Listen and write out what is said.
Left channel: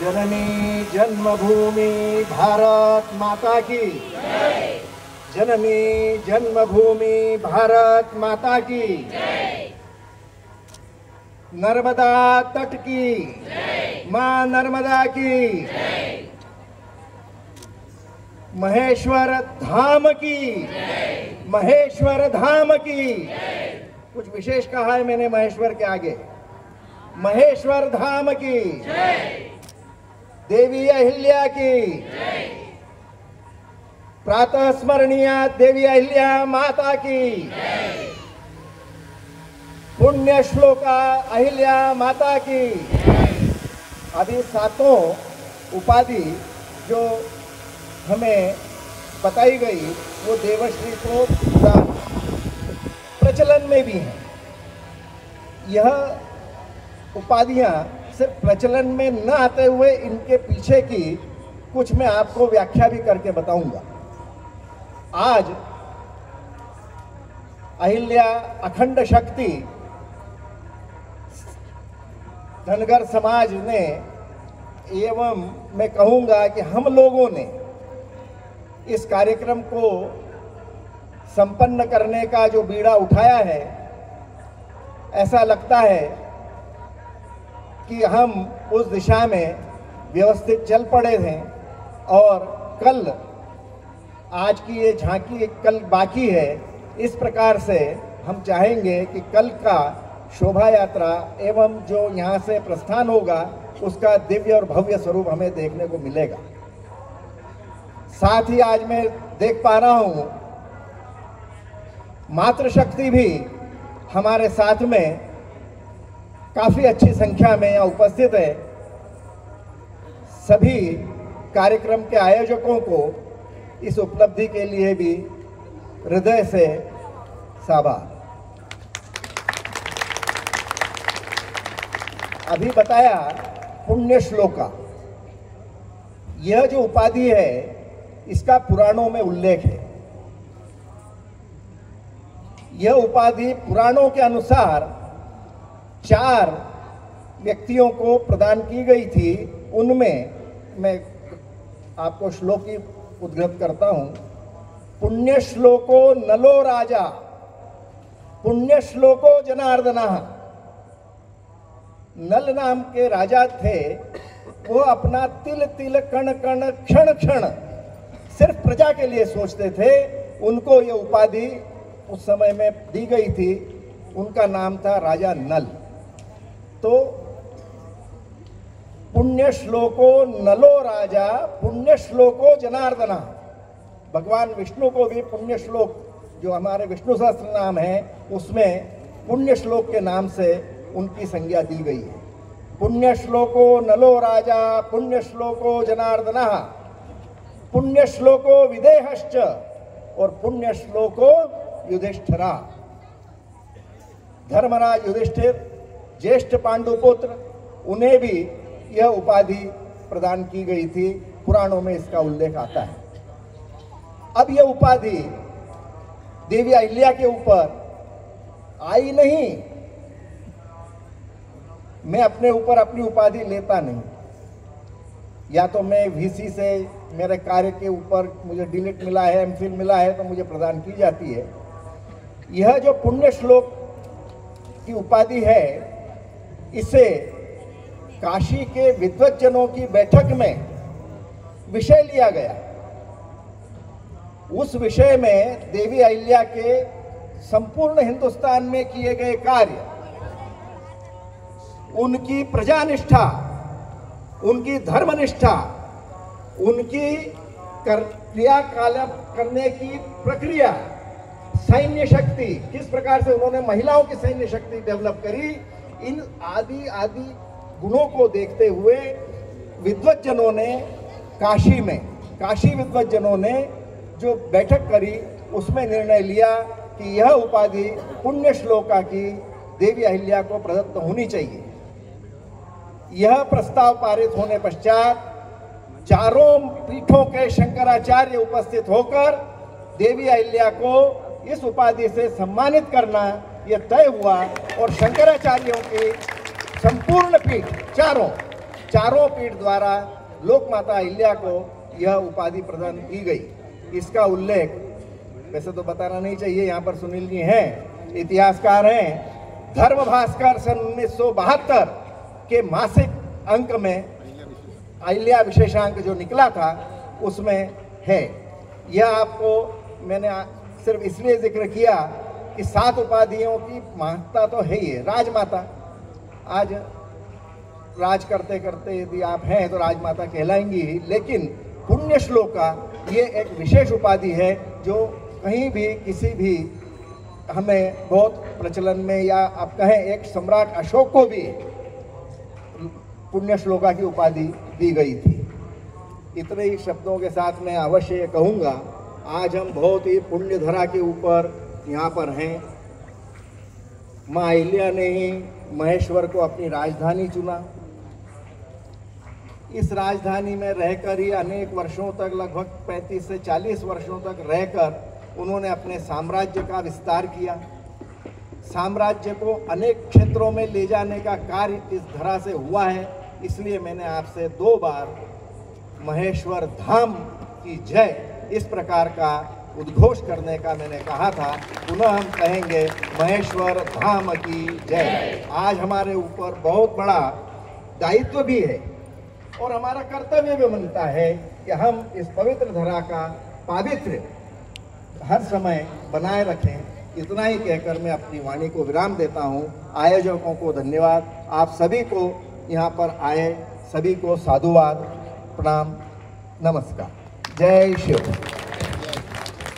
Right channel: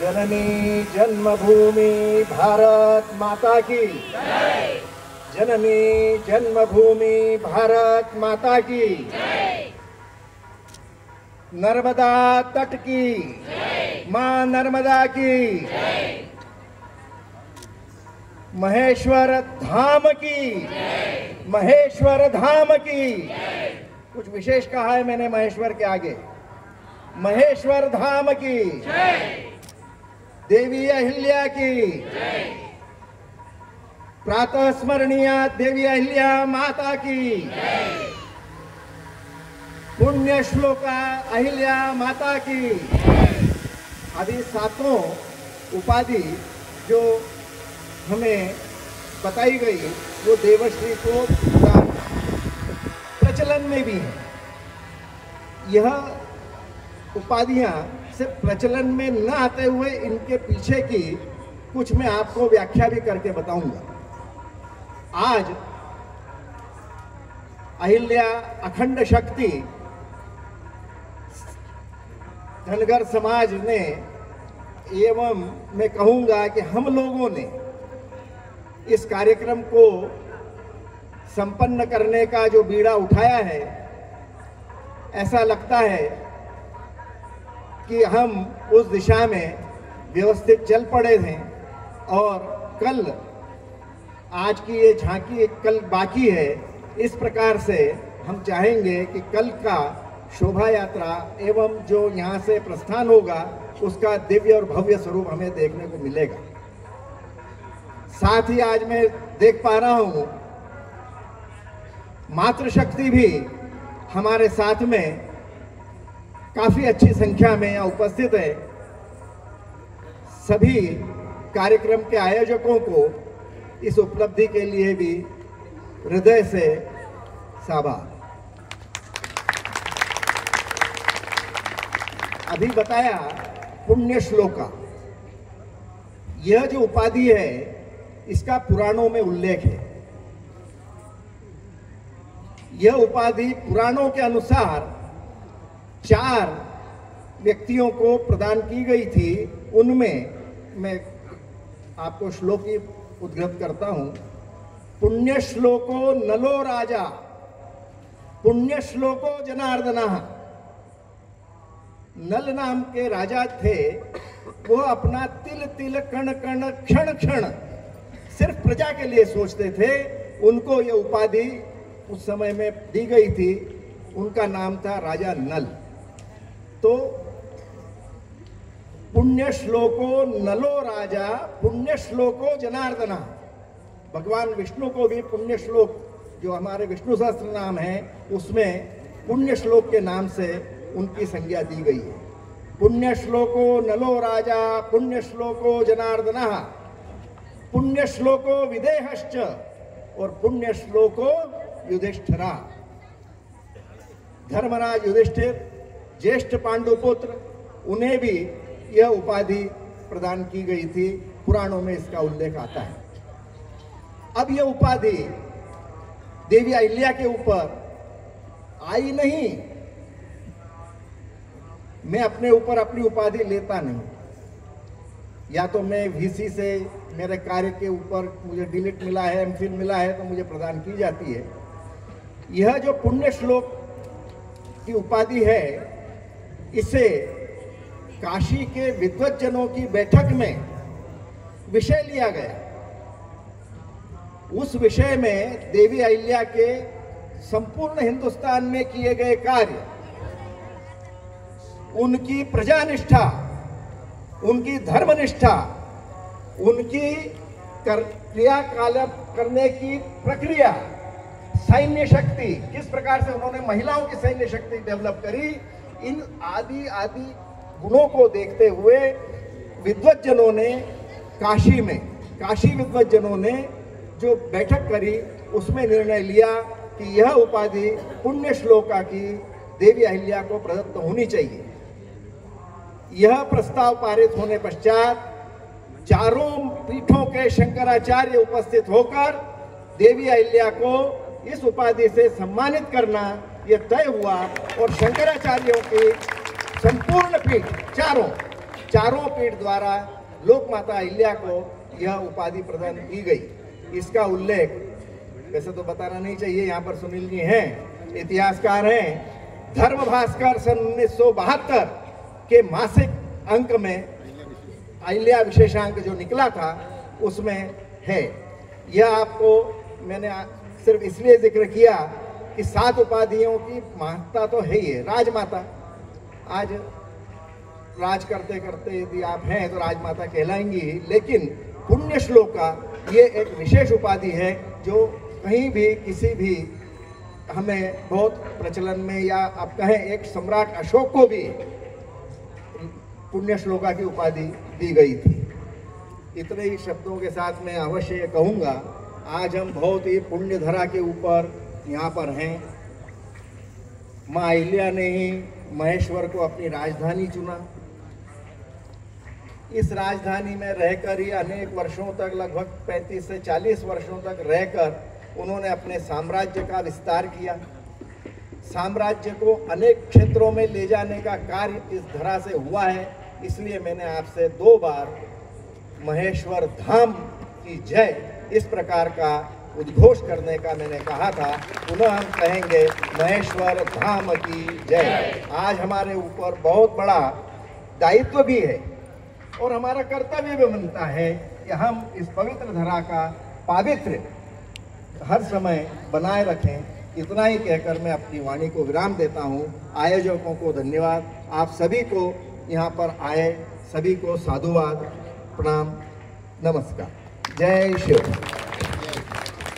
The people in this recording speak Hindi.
जननी जन्मभूमि भारत माता की, जननी जन्मभूमि भारत माता की, नर्मदा तट की, मां नर्मदा की, महेश्वर धाम की, महेश्वर धाम की। कुछ विशेष कहा है मैंने महेश्वर के आगे, महेश्वर धाम की, देवी अहिल्या की, प्रातः स्मरणीय देवी अहिल्या माता की, पुण्य श्लोका अहिल्या माता की। अभी सातों उपाधि जो हमें बताई गई वो देवश्री को प्रचलन में भी है। यह उपाधियां सिर्फ प्रचलन में न आते हुए इनके पीछे की कुछ मैं आपको व्याख्या भी करके बताऊंगा। आज अहिल्या अखंड शक्ति धनगर समाज ने एवं मैं कहूंगा कि हम लोगों ने इस कार्यक्रम को संपन्न करने का जो बीड़ा उठाया है, ऐसा लगता है कि हम उस दिशा में व्यवस्थित चल पड़े थे और कल, आज की ये झांकी कल बाकी है। इस प्रकार से हम चाहेंगे कि कल का शोभा यात्रा एवं जो यहाँ से प्रस्थान होगा उसका दिव्य और भव्य स्वरूप हमें देखने को मिलेगा। साथ ही आज मैं देख पा रहा हूँ मातृशक्ति भी हमारे साथ में काफी अच्छी संख्या में यहाँ उपस्थित है। सभी कार्यक्रम के आयोजकों को इस उपलब्धि के लिए भी हृदय से साबार। अभी बताया पुण्य श्लोका, यह जो उपाधि है इसका पुराणों में उल्लेख है। यह उपाधि पुराणों के अनुसार 4 व्यक्तियों को प्रदान की गई थी। उनमें मैं आपको श्लोक ही उद्धृत करता हूं। पुण्य श्लोको नलो राजा, पुण्य श्लोको जनार्दनः। नल नाम के राजा थे, वो अपना तिल तिल कण कण क्षण क्षण सिर्फ प्रजा के लिए सोचते थे। उनको ये उपाधि उस समय में दी गई थी। उनका नाम था राजा नल। तो पुण्य श्लोको नलो राजा, पुण्य श्लोको जनार्दना। भगवान विष्णु को भी पुण्य श्लोक, जो हमारे विष्णु सहस्त्र नाम है, उसमें पुण्य श्लोक के नाम से उनकी संज्ञा दी गई है। पुण्य श्लोको नलो राजा, पुण्य श्लोको जनार्दना, पुण्य श्लोको विदेहश्च और पुण्य श्लोको युधिष्ठिरा। धर्मराज युधिष्ठिर ज्येष्ठ पांडुपुत्र, उन्हें भी यह उपाधि प्रदान की गई थी। पुराणों में इसका उल्लेख आता है। अब यह उपाधि देवी अहिल्या के ऊपर आई नहीं। मैं अपने ऊपर अपनी उपाधि लेता नहीं, या तो मैं वीसी से मेरे कार्य के ऊपर मुझे डिलीट मिला है, एमफिल मिला है तो मुझे प्रदान की जाती है। यह जो पुण्य श्लोक की उपाधि है, इसे काशी के विद्वज्जनों की बैठक में विषय लिया गया। उस विषय में देवी अहिल्या के संपूर्ण हिंदुस्तान में किए गए कार्य, उनकी प्रजानिष्ठा, उनकी धर्मनिष्ठा, उनकी क्रियाकलाप करने की प्रक्रिया, सैन्य शक्ति, किस प्रकार से उन्होंने महिलाओं की सैन्य शक्ति डेवलप करी, इन आदि आदि गुणों को देखते हुए विद्वज्जनों ने काशी विद्वज्जनों ने जो बैठक करी, उसमें निर्णय लिया कि यह उपाधि पुण्य श्लोका की देवी अहिल्या को प्रदत्त होनी चाहिए। यह प्रस्ताव पारित होने पश्चात चारों पीठों के शंकराचार्य उपस्थित होकर देवी अहिल्या को इस उपाधि से सम्मानित करना यह तय हुआ और शंकराचार्यों की संपूर्ण पीठ चारों चारों पीठ द्वारा लोक माता अहिल्या को यह उपाधि प्रदान की गई। इसका उल्लेख वैसे तो बताना नहीं चाहिए, यहाँ पर सुनील जी हैं, इतिहासकार हैं। धर्म भास्कर सन 1972 के मासिक अंक में अहिल्या विशेषांक जो निकला था उसमें है। यह आपको मैंने सिर्फ इसलिए जिक्र किया कि 7 उपाधियों की महत्ता तो है ही है। राजमाता, आज राज करते करते यदि आप हैं तो राजमाता कहलाएंगी ही, लेकिन पुण्य श्लोका ये एक विशेष उपाधि है जो कहीं भी किसी भी हमें बहुत प्रचलन में, या आप कहें एक सम्राट अशोक को भी पुण्य श्लोका की उपाधि दी गई थी। इतने ही शब्दों के साथ मैं अवश्य कहूँगा, आज हम बहुत ही पुण्य धरा के ऊपर यहाँ पर हैं। माँ अहिल्या ने ही महेश्वर को अपनी राजधानी चुना। इस राजधानी में रहकर ही अनेक वर्षों तक, लगभग 35 से 40 वर्षों तक रहकर उन्होंने अपने साम्राज्य का विस्तार किया। साम्राज्य को अनेक क्षेत्रों में ले जाने का कार्य इस धरा से हुआ है। इसलिए मैंने आपसे 2 बार महेश्वर धाम की जय इस प्रकार का उद्घोष करने का मैंने कहा था। पुनः हम कहेंगे महेश्वर धाम की जय। आज हमारे ऊपर बहुत बड़ा दायित्व भी है और हमारा कर्तव्य भी बनता है कि हम इस पवित्र धरा का पावित्र्य हर समय बनाए रखें। इतना ही कहकर मैं अपनी वाणी को विराम देता हूँ। आयोजकों को धन्यवाद। आप सभी को यहाँ पर आए सभी को साधुवाद, प्रणाम, नमस्कार। जय शिव।